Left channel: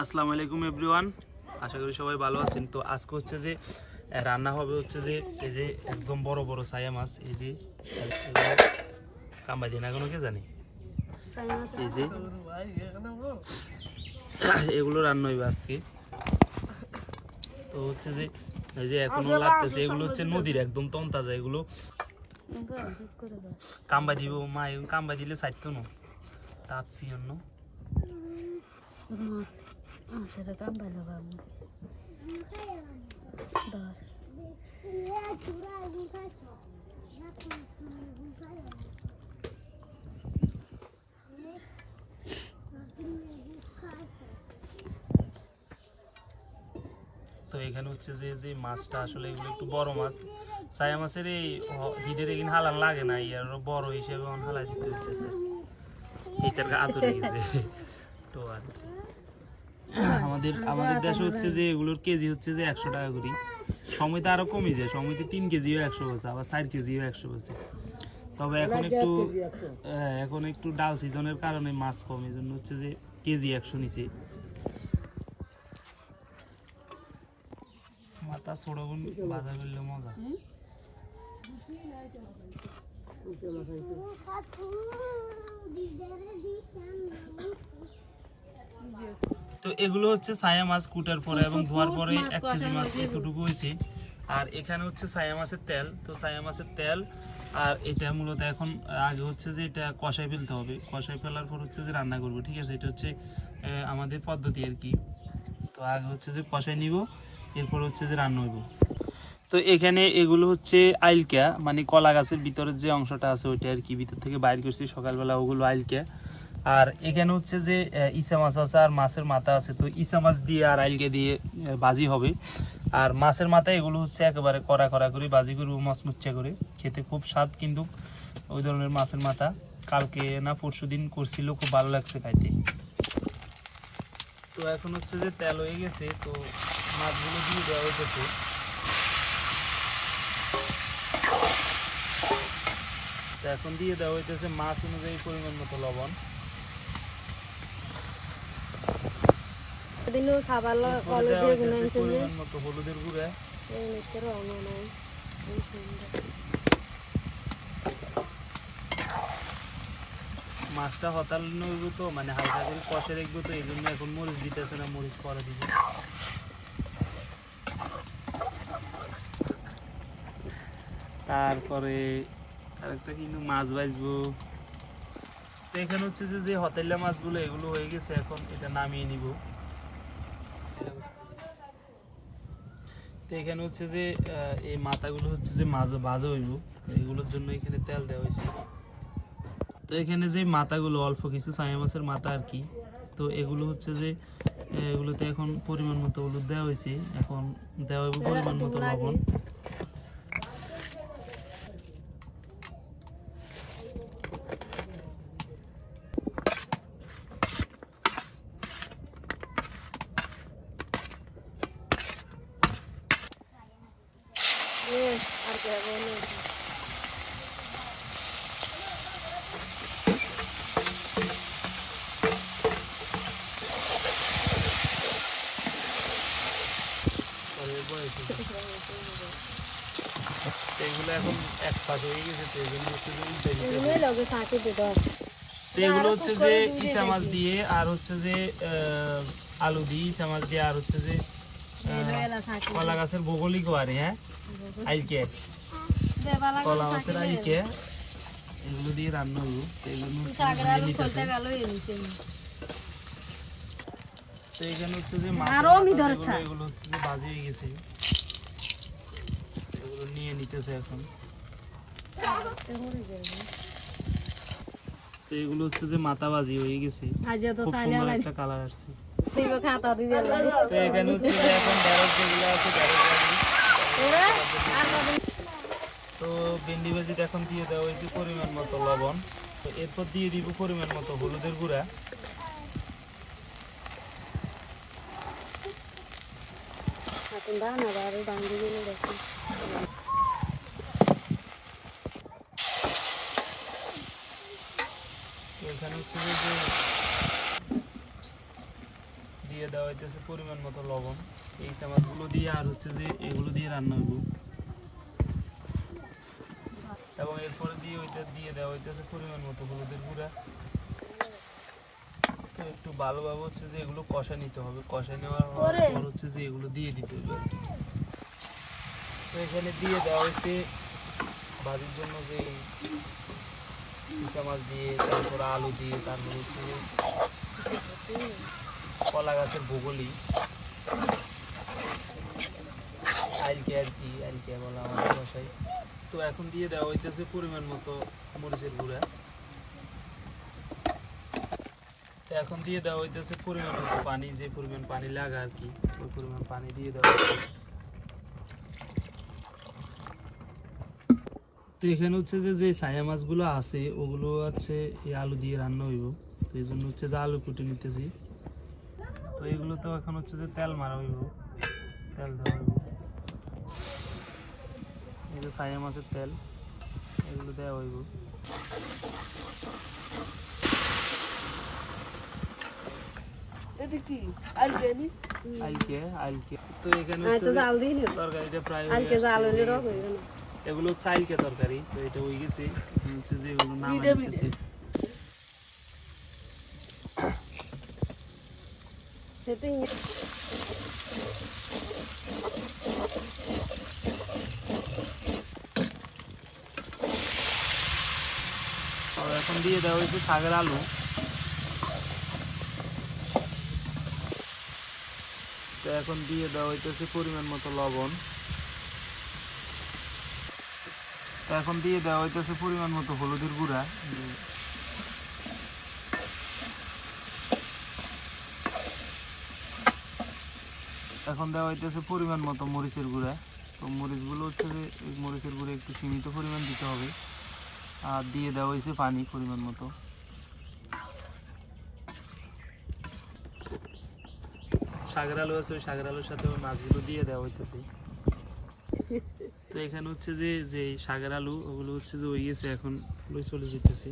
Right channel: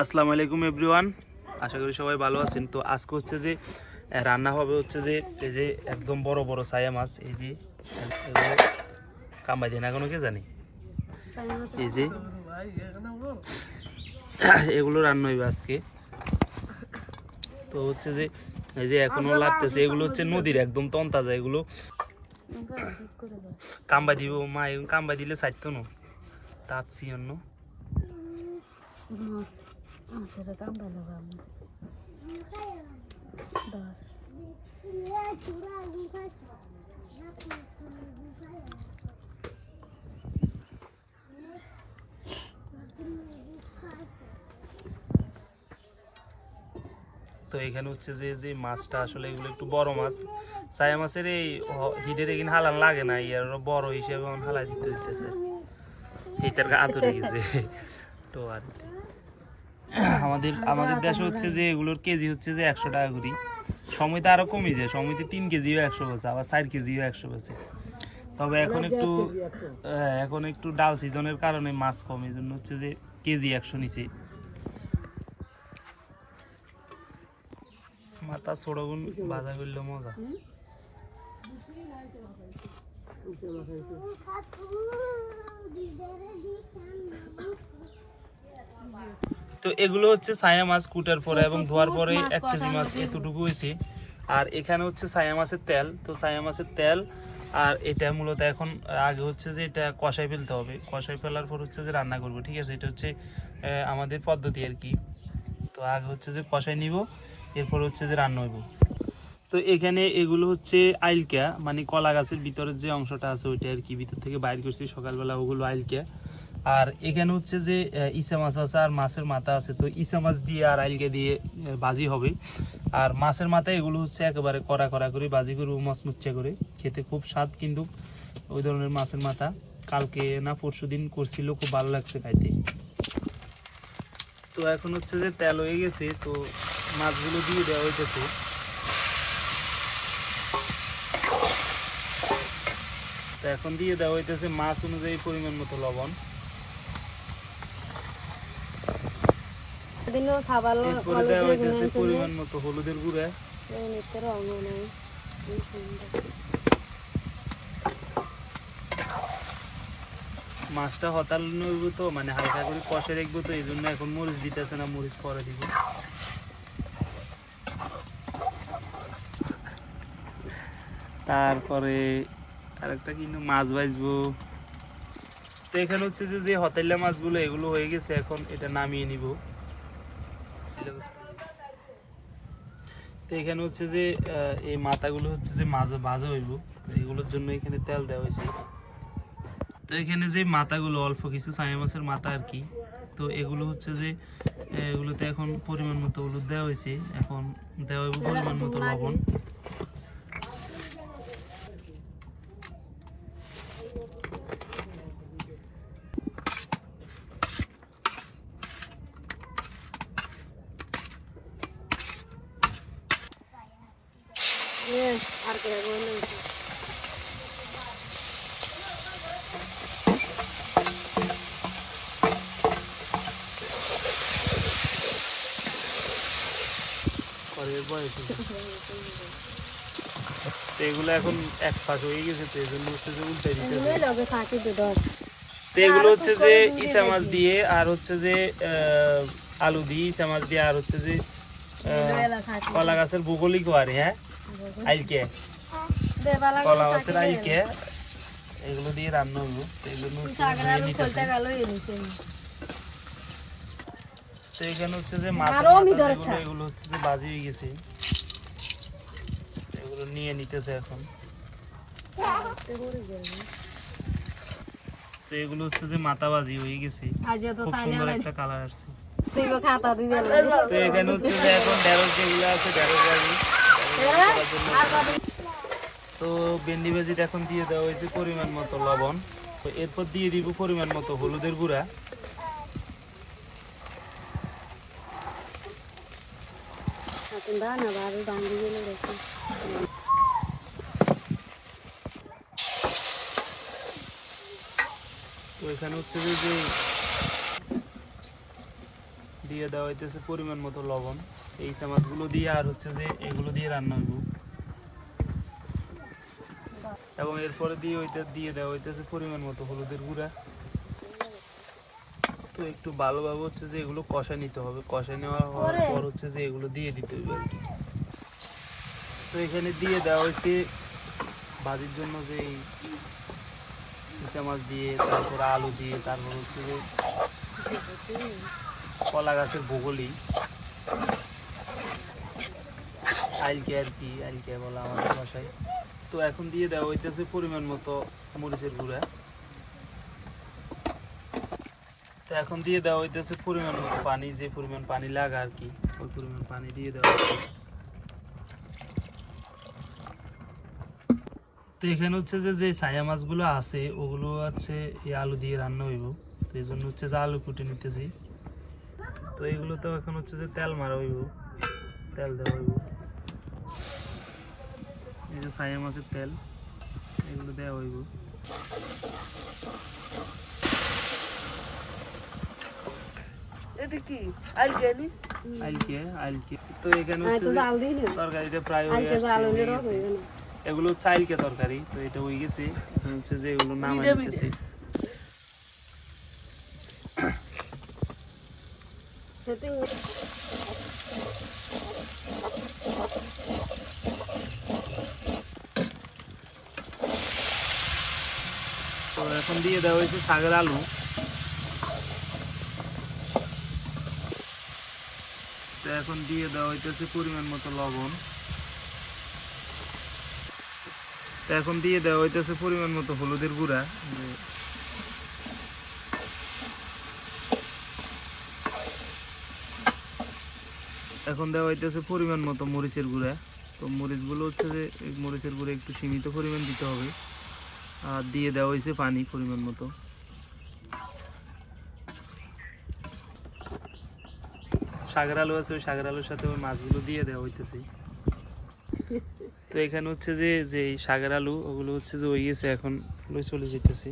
আসসালামু আলাইকুম এভরিওয়ান আশা করি সবাই ভালো আছেন। তো আজকে হচ্ছে যে রান্না হবে হচ্ছে যে, এই যে একদম বড় বড় সায়া মাছ, এই যে কামাই দিয়ে না কে জানি? এই যে, এগুলো রান্না হইবে আজকে। তো হচ্ছে যে, এই যে এখনও লাগতেছে, এগুলো হচ্ছে নদীর একদম তন্তাজা, এগুলো কাম্বা দিব, মা কাম্বা দিলে চাইতো না। তাঁতছি অন্য। তো এখানে হচ্ছে যে যে মাছটা আসলে এগুলো একটু বড় মাছ। সায়া মাছের এই হিডের এখানে হালান লাগে না ইয়ার বড় হিসেবে হালাই দিতে এটার গা আতুরে গেছে। তো আর। আমাদের আমাদের দেশে হচ্ছে যে এগুলোর কেজি হচ্ছে যে একশো টাকা করি। সময়তে আরও কমে যায় সময়তে তিন কেজিও একশো বেছে আবার চার কেজিও একশো বেছে তবে এখন একটু হ্যাঁ, এখন একটু ডাল সিজনের কারণে মাছ কম এই জন্য হচ্ছে যে কেজি একশো নিচে। মাথা ছোড়গুন বাধা করলে মজা। তো এগুলো হচ্ছে ছায়া মাছ কুটার পরে এবং ধোয়ার পরে এক কেজি মাছ এতটুকু হয়েছে। আর এখানে হচ্ছে ছায়া মাছের তেল তো ছায়া মাছের তেল আর এটা মূলত এখন আগে হচ্ছে যে এটা কষাই ফেলতে হবে। কষাই ফেলার পর হচ্ছে যে রান্না করব ঠিক আছে? এটা হচ্ছে আমাদের পদ্ধতি আর কি। তো আগে হচ্ছে যে কষাই নিব এরপর হচ্ছে যে রান্না হইব। তো এখানে এগুলো হচ্ছে আইলকা মানে কলা গাছের ভিতরের যে অংশটা আছে ওইটা আর কি ভিতর থেকে বাইর করছি। সকালবেলা ওগুলো আইলকা আর এখানে হচ্ছে যে ইসা মাছ আছে আর মাছের মাথা আছে। তো ইসা মাছ দিয়ে আর আইলকে দিয়ে ভাজি হবে। আর মাছের মাথা এগুলো হচ্ছে একেবারে কড়া কড়া করে ভাজি করব মচমুচ্চা করে। খেতে খুব স্বাদ কিন্তু ওই ধরনের মাছের মাথা। কালকে না পরশু দিন করছিল, খুব ভালো লাগছে খাইতে। তো এখন হচ্ছে যে তেল হয়ে গেছে, তো মাছগুলো দিয়ে দেওয়া হইতেছে। এখন দিয়ে দেওয়া হইতেছে মাছ অনুযায়ী পরিমাণ মতো লবণ। দিনও খাবার পরিমাণ মতো হলুদের গুঁড়া। নাই মাছটা হতাল নইব তো মানে হালকা করে কষে রাখব তো এই জন্য এখন মরিচ দিতেছে না মরিচ পরে দিব। তারপরে আরেকটা কিন্তু মাছ ভাজবো। তো এখানে হচ্ছে যে যে হতেলা মাছগুলো এগুলো হয়ে গেছে এখন এটা নামিয়ে নিব। তো এখানে হচ্ছে যে এই মাথাগুলো হচ্ছে যে মাজা বাজা হইব। এগুলোর জন্য এখানে তেল দেওয়া হয়েছে। তো এখানে যে মাথাগুলো, অল্প কিছু ছায়া মাছের মাথা আর কি, তো এগুলো হচ্ছে যে, এগুলোতে এখন পরিমাণ মতো হলুদ দেওয়া হয়েছে। এখন দেওয়া হইব পরিমাণ মতো লবণ আর কে পরে বয়স হয়েছে। তো এগুলো এখন এক পাশ হয়ে গেছে তো এই জন্য হচ্ছে যে উল্টে দিতে তো এগুলো হচ্ছে যে ইসা মাছ দিয়ে আর হচ্ছে যে আলু দিয়ে ইসা মাছ দিয়ে আর হচ্ছে যে কলা গাছের ভূগোলিক। বাড়ি হ্যাঁ আইকে কলা গাছের আইকে এগুলো দিয়ে রান্না হব এগুলো হচ্ছে যে ধুয়ে নিতেছে। তো এখানে হচ্ছে যে মাথা এগুলো হচ্ছে যে বাজি হয়ে গেছে। এগুলো নিয়ে নিতেছে এখন। তো এগুলো হচ্ছে যে মাথা বাজি হয়ে গেছে। খুব সুন্দর একটা কালার আসছে। তুই খাতা দিবে তো এখানে হচ্ছে যে এখন ঢেঁড়স যেগুলো আছে ঢেঁড়স বাজি? তো ভেন্ডি ভাজিটা এখন দিয়ে দেওয়া হয়েছে পরিমাণ মতো লবণ। তো এরপর দিয়ে দিব পরিমাণ মতো হলুদের গুঁড়া। দাঁড়া না বাবু দাম দিয়ে দেখি এখানে হচ্ছে যে যে দিয়ে দেওয়া হইতেছে পরিমাণ মতো লবণ, এই ইসা দিয়ে আর হচ্ছে যে এগুলো দিয়ে রান্না হইব। এবং এরপরে দিয়ে ওইটা দিয়ে দেওয়া হইতেছে পরিমাণ মতো হলুদের গুঁড়া। তো একটু ভালোভাবে হচ্ছে যে এগুলো কষা নিতে হবে। কষা নেওয়ার পর। হচ্ছে যে এগুলো দিয়ে দিতে হবে তো এখানে দিয়ে দেওয়া হয়েছে ভাজির জন্য যে ইচা মাছ দিয়ে তারপর আলু দিয়ে তারপর হচ্ছে যে কলা গাছের ভূগোলই আইলকে আর কি আইলকে বলা আমাদের ভাষায় তো এখন দিয়ে দেওয়া হইতেছে পরিমাণ মতো মরিচের গুঁড়া। তো এখন দিয়ে দেওয়া হইতেছে পরিমাণ মতো পানি, যে পরিমাণ পানি লাগা আর কি, ওই পরিমাণ পানি দিয়ে দেওয়া তো এখানে হচ্ছে যে যে ছায়া মাছগুলো আছে, ওগুলো হচ্ছে এই আলু দিয়ে রান্না হইব। তো এই জন্য হচ্ছে যে আলু কুটে নিতেছি। তো এইগুলো তো এখন হচ্ছে যে তেল মারা হইব। তেল দেওয়া হইব। এই যে ছায়া মাছের তেল, এগুলো দেওয়া হইব। এটা কি? আলগানি? আইলকে আইলকে তো এখানে হ্যাঁ হচ্ছে তো যে জাল দিই না তরকারিটা প্রায় হয়ে আলকে জাল আসছে, হইলে হয়ে রস গেছে। হইবে না এগুলো হচ্ছে আইলকে তরকারি তো এটা হয়ে গেছে। এখন হচ্ছে যে এগুলো নামাই মিডে মিডে। নিতেছি সেটাই তো এখন দিয়ে দেওয়া হয়েছে শাকের আলু। তো এখন দিয়ে দেওয়া হইতেছে পরিমাণ মতো লবণ। তো এখন দিয়ে দেওয়া হইতেছে পরিমাণ মতো হলুদের গুঁড়া। এখন দেওয়া হইতেছে পরিমাণ মতো মরিচের গুঁড়া। তো মরিচগুলো হচ্ছে যে মরিচের গুঁড়া একটু সীমিত পরিমাণ দিতে হবে। আর দিয়ে দেওয়া হয়েছে পানি পরিমাণ মতো। সাগর আলু আছে, ওই সাগর আলুর সাথে ওই মাছগুলো দিয়ে দেওয়া হইতেছে। তো এখানে হচ্ছে যে যে সাগর আলু ওগুলো হচ্ছে যে ওই গেছে, এখন চলে যেতেছে।